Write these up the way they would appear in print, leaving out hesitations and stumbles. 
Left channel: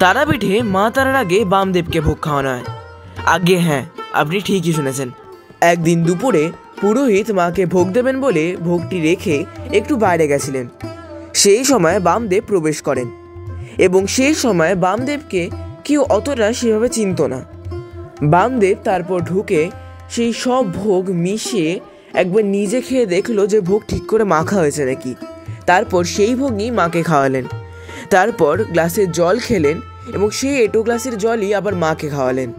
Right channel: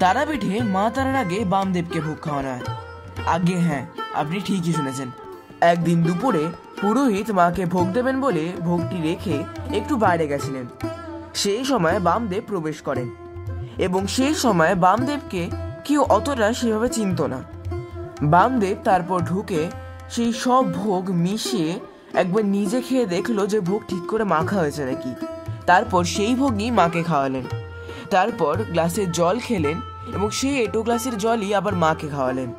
তারাপীঠে মা তারার আগে বামদেবকে ভোগ খাওয়ানো হয়। আগে হ্যাঁ, আপনি ঠিকই শুনেছেন। একদিন দুপুরে পুরোহিত মাকে ভোগ দেবেন বলে ভোগটি রেখে একটু বাইরে গেছিলেন। সেই সময় বামদেব প্রবেশ করেন এবং সেই সময় বামদেবকে কেউ অতটা সেভাবে চিনত না। বামদেব তারপর ঢুকে সেই সব ভোগ মিশিয়ে একবার নিজে খেয়ে দেখলো যে ভোগ ঠিক করে মাখা হয়েছে নাকি। তারপর সেই ভোগই মাকে খাওয়ালেন। তারপর গ্লাসের জল খেলেন এবং সেই এঁটো গ্লাসের জলই আবার মাকে খাওয়ালেন।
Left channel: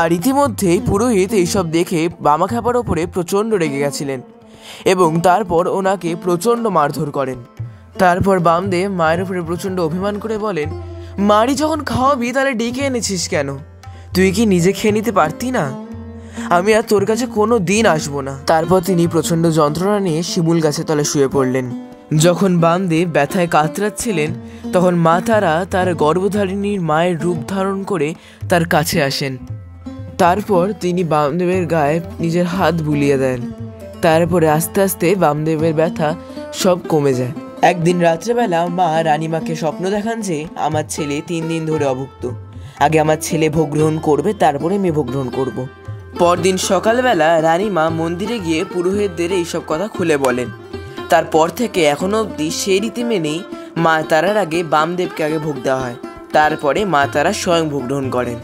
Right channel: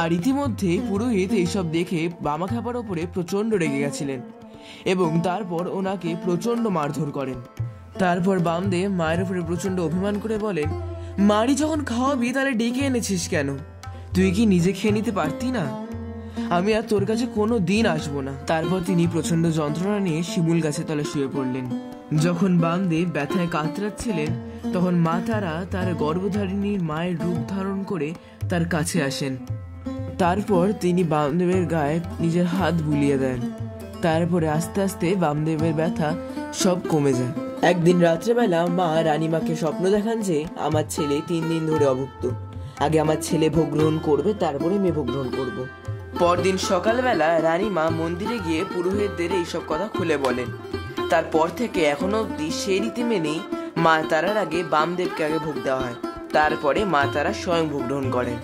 আর ইতিমধ্যেই পুরোহিত এইসব দেখে বামা খাবার ওপরে প্রচণ্ড রেগে গেছিলেন এবং তারপর ওনাকে প্রচণ্ড মারধর করেন। তারপর বামদেব মায়ের উপরে প্রচণ্ড অভিমান করে বলেন, মারি যখন খাওয়াবি তাহলে ডেকে এনেছিস কেন? তুই কি নিজে খেয়ে নিতে পারতি না? আমি আর তোর কাছে কোনো দিন আসবো না। তারপর তিনি প্রচণ্ড যন্ত্রণা নিয়ে শিমুল গাছের তলে শুয়ে পড়লেন। যখন বামদেব ব্যথায় কাতরাচ্ছিলেন তখন মা তারা তার গর্ভধারিণীর মায়ের রূপ ধারণ করে তার কাছে আসেন। তারপর তিনি বামদেবের গায়ে নিজের হাত বুলিয়ে দেন। তারপরে আস্তে আস্তে বামদেবের ব্যথা সব কমে যায়। একদিন রাত্রেবেলা মা রানীমাকে স্বপ্ন দেখান যে আমার ছেলে 3 দিন ধরে অভুক্ত। আগে আমার ছেলে ভোগ গ্রহণ করবে, তারপরে আমি ভোগ গ্রহণ করবো। পরদিন সকালবেলা রানীমা মন্দিরে গিয়ে পুরোহিতদের এইসব কথা খুলে বলেন। তারপর থেকে এখনো অবধি সেই রীতি মেনেই মা তারার আগে বামদেবকে আগে ভোগ দেওয়া হয়, তারপরে মা তারা স্বয়ং ভোগ গ্রহণ করেন।